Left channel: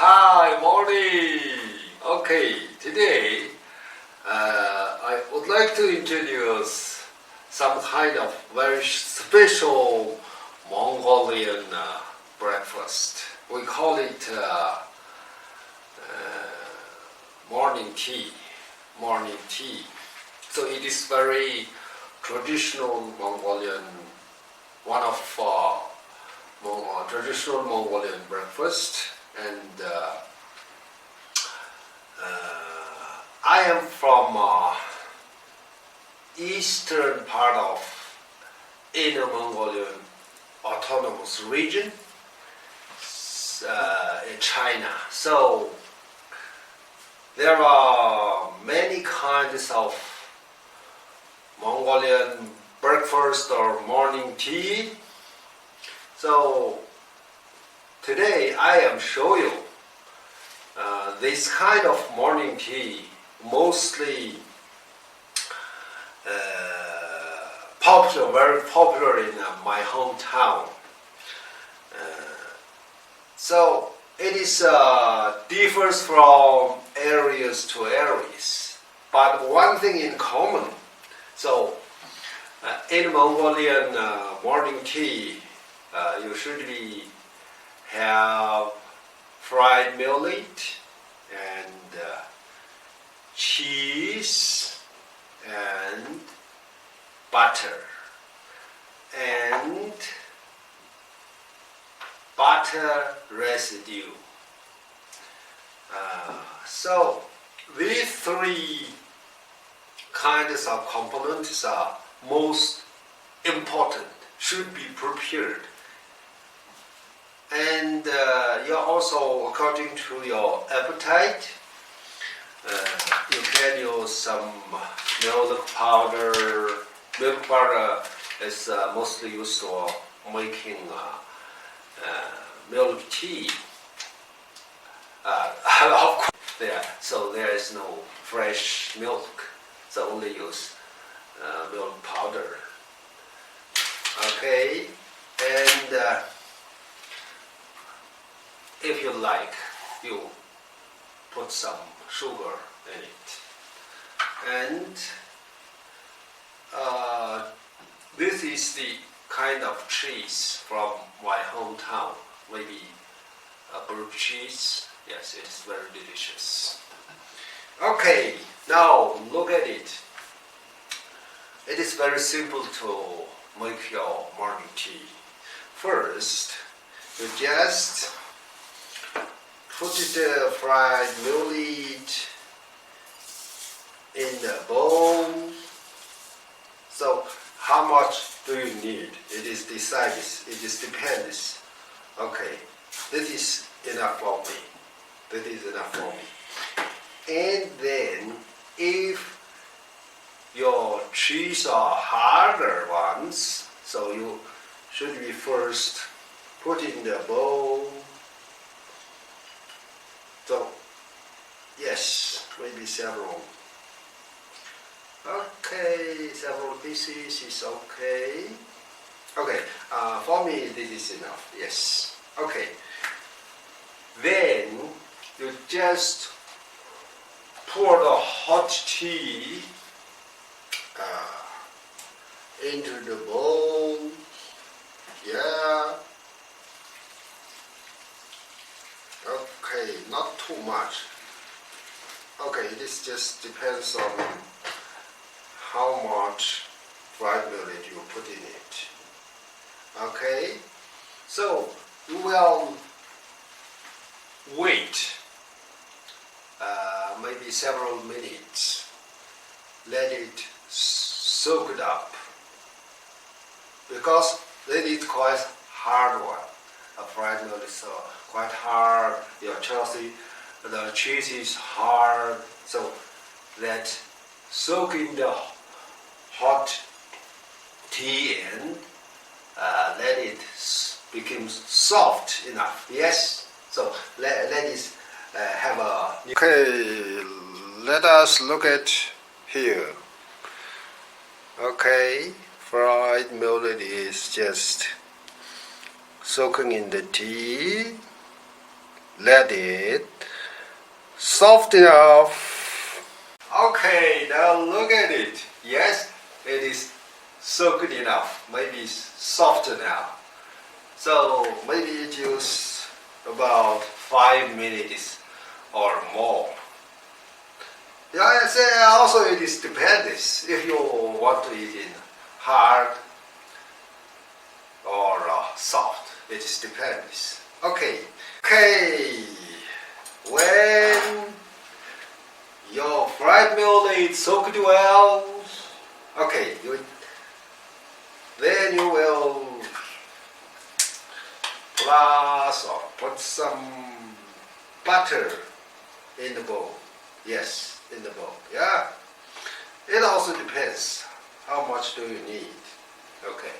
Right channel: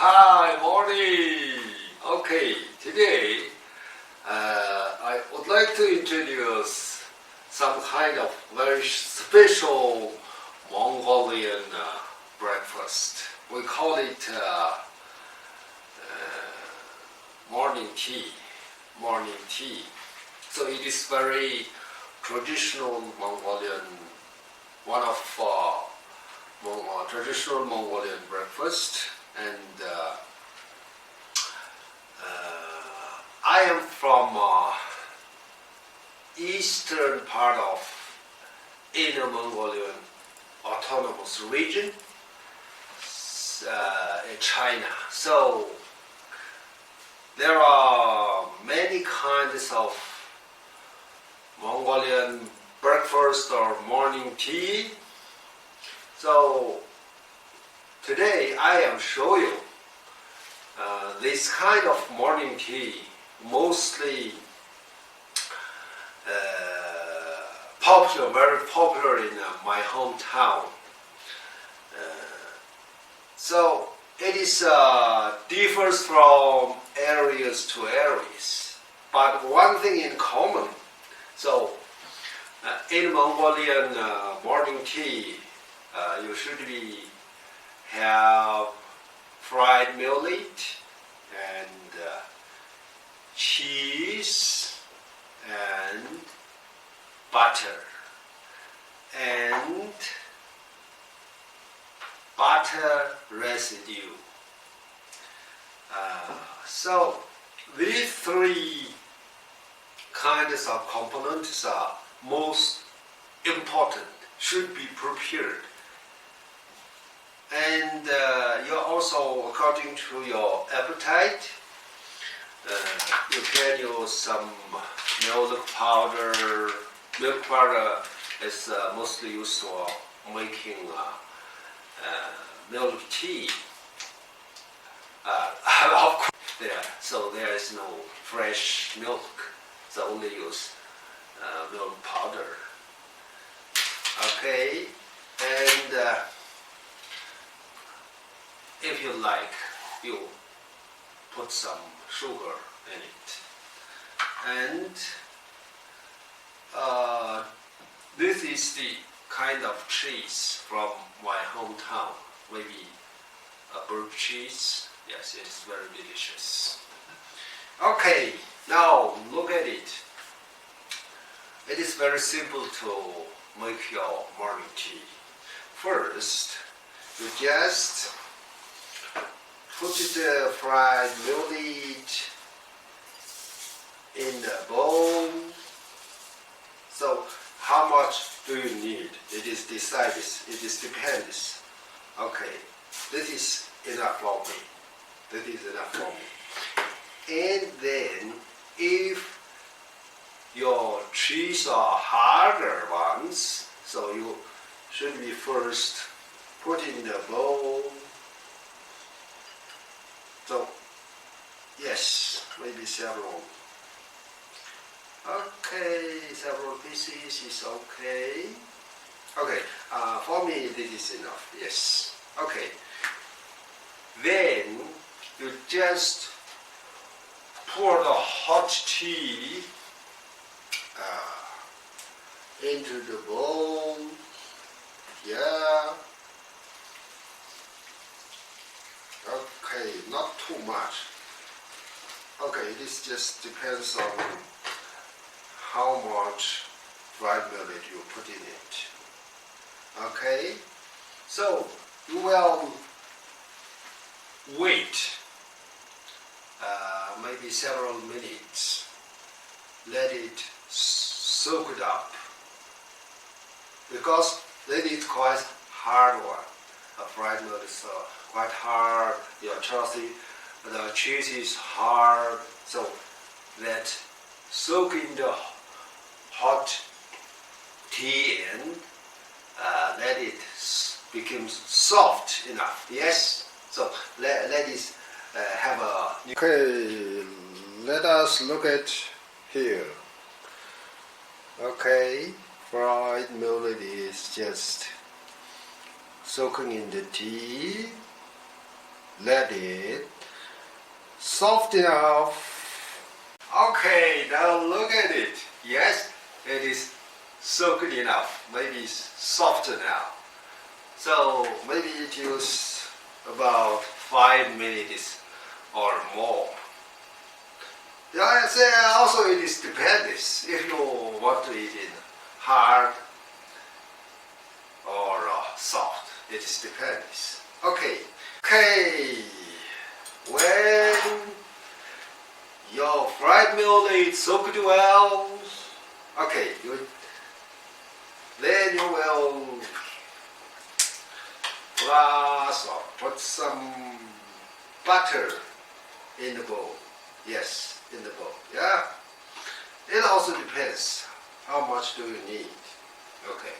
Hi, morning. Okay, today I would like to introduce some kind of very special Mongolian breakfast. We call it morning tea. Morning tea. So it is very traditional Mongolian, one of traditional Mongolian breakfast, and I am from eastern part of Inner Mongolian Autonomous Region in China. So there are many kinds of Mongolian breakfast or morning tea. So today I am show you this kind of morning tea, mostly very popular in my hometown. So it is differs from areas to areas, but one thing in common. So in Mongolian morning tea, you should have fried millet and cheese and butter and butter residue. So these three kinds of components are most important, should be prepared. And you also, according to your appetite, you can use some milk powder. Milk powder is mostly used for making milk tea. Of course, so there is no fresh milk, so only use milk powder. Okay, and if you like, you put some sugar in it. And this is the kind of cheese from my hometown, maybe bird cheese. Yes, it is very delicious. Okay, now look at it. It is very simple to make your morning tea. First, you just put the fried millet in the bowl. So how much do you need? It is decided, it is depends. Okay, this is enough for me. This is enough for me. And then if your cheese are harder ones, so you should be first put in the bowl. So, yes, maybe several. Okay, several pieces is okay. Okay, for me this is enough, yes. Okay, then you just pour the hot tea into the bowl. Yeah. Okay, not too much. Okay, this just depends on how much fried millet you put in it. Okay, so you will wait maybe several minutes. Let it soak it up, because that is quite hard one. A fried millet is quite hard. Your Chelsea, the cheese is hard. So that soak in the hot tea and let it become soft enough. Yes. So let it have a. Okay. Let us look at here. Okay. Fried millet is just soaking in the tea. let it soft enough. Okay, now look at it. Yes, it is soaked enough. Maybe it's soft now. So maybe it use about 5 minutes or more. Yeah, I say also it is depends if you want to eat in hard or soft. It is depends. Okay. When your fried meal is soaked well, then you will plus or put some butter in the bowl. Yes, in the bowl. Yeah. It also depends how much do you need. Okay.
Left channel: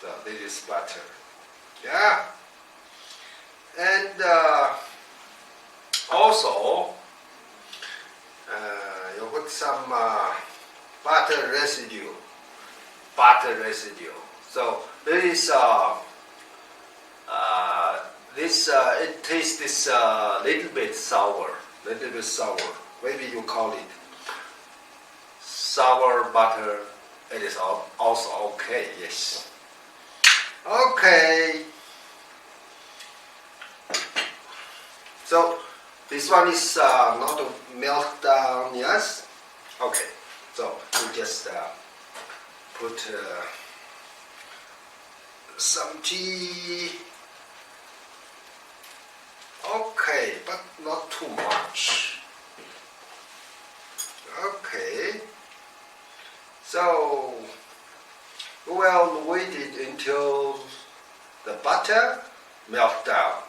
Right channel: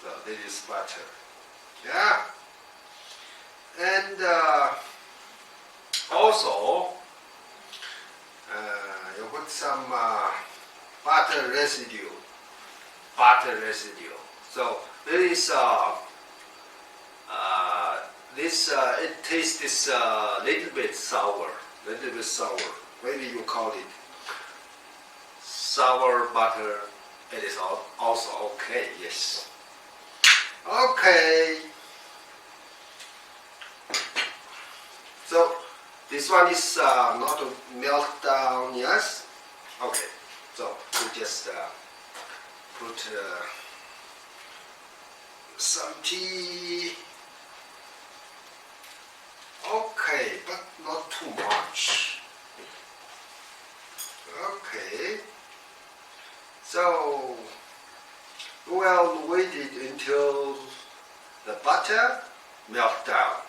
So this is butter. Yeah. And also you put some butter residue. So this it tastes little bit sour. Maybe you call it sour butter. It is also okay. Yes. Okay. So this one is not melt down. Yes. Okay. So we just put some tea. Okay, but not too much. Okay. So we'll wait it until the butter melt down.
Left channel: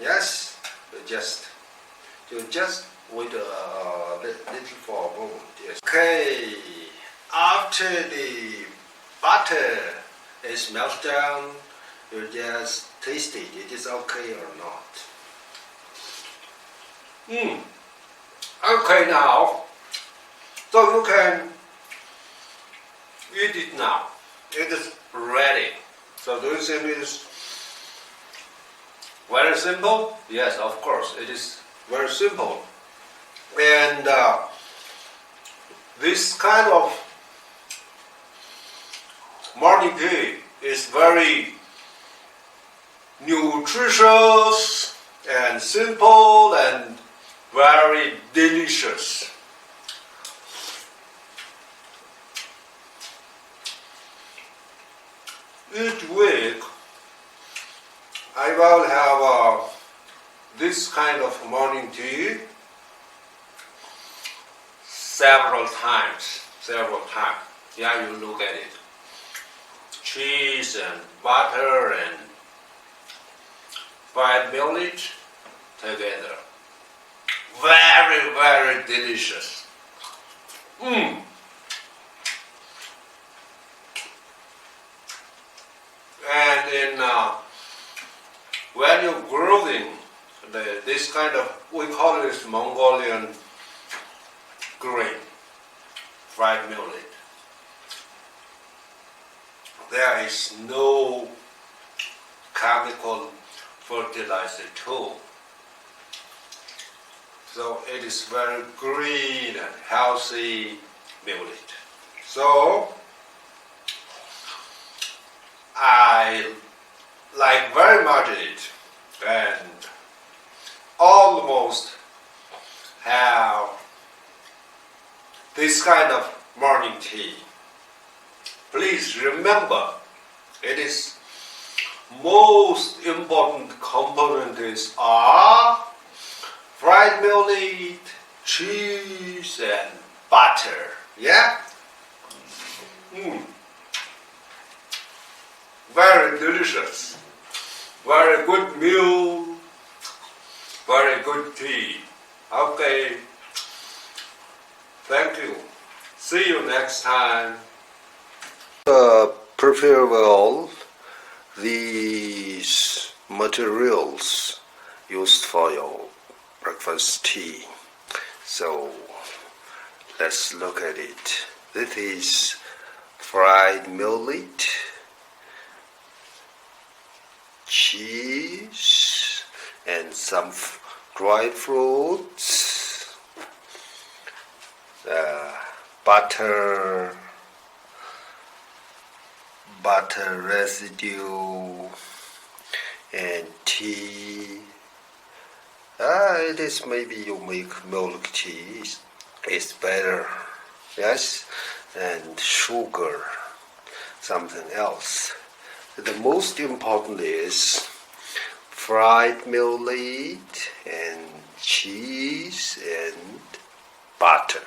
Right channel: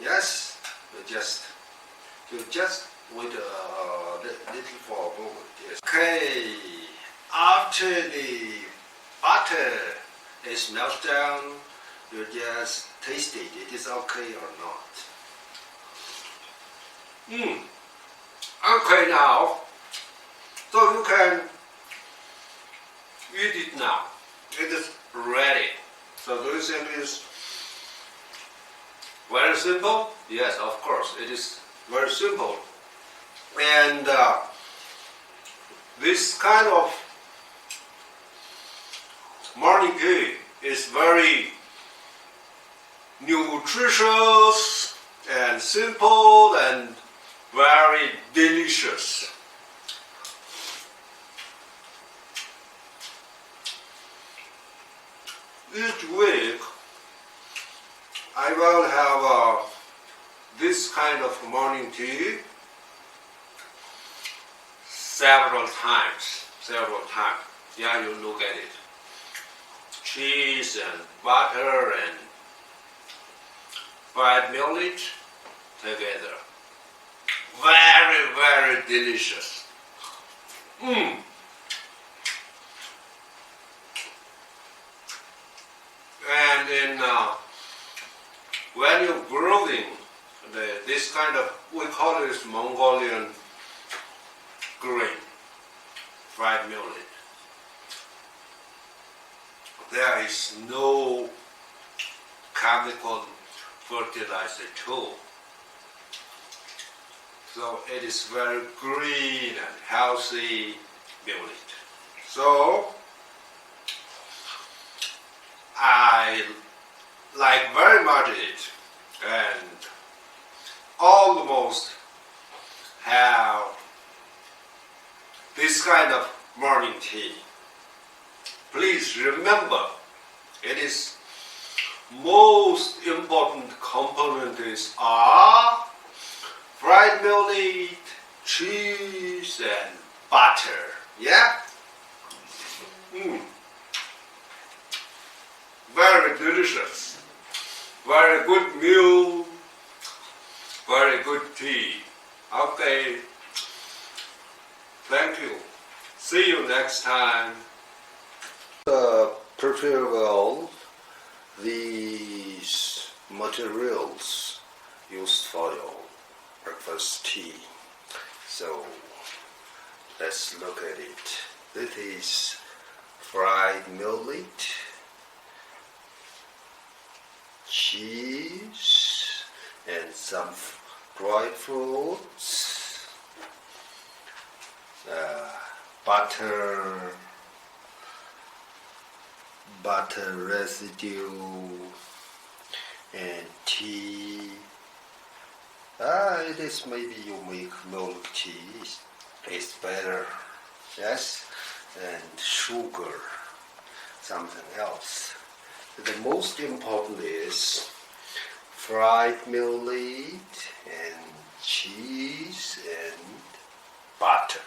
Yes, you just wait a little for a moment. Yes. Okay. After the butter is melt down, you just taste it. It is okay or not. Okay now. So you can eat it now. It is ready. So do you think it is very simple? Yes, of course. It is very simple. And this kind of morning tea is very nutritious and simple and very delicious. Each week I will have this kind of morning tea several times. Yeah, you look at it. Cheese and butter and fried millet together. Very, very delicious. And in when you're grilling this kind of, we call it Mongolian grain, fried millet. There is no chemical fertilizer at all. So it is very green and healthy millet. So I like very much it and almost have this kind of morning tea. Please remember, it is most important components are fried millet, cheese, and butter. Yeah? Very delicious. Very good meal. Very good tea. Okay. Thank you. See you next time. Prepare well these materials used for your breakfast tea. So let's look at it. This is fried millet, cheese, and some dry fruits, butter residue, and tea. It is maybe you make milk tea. It's better. Yes, and sugar, something else. The most important is fried millet and cheese and butter.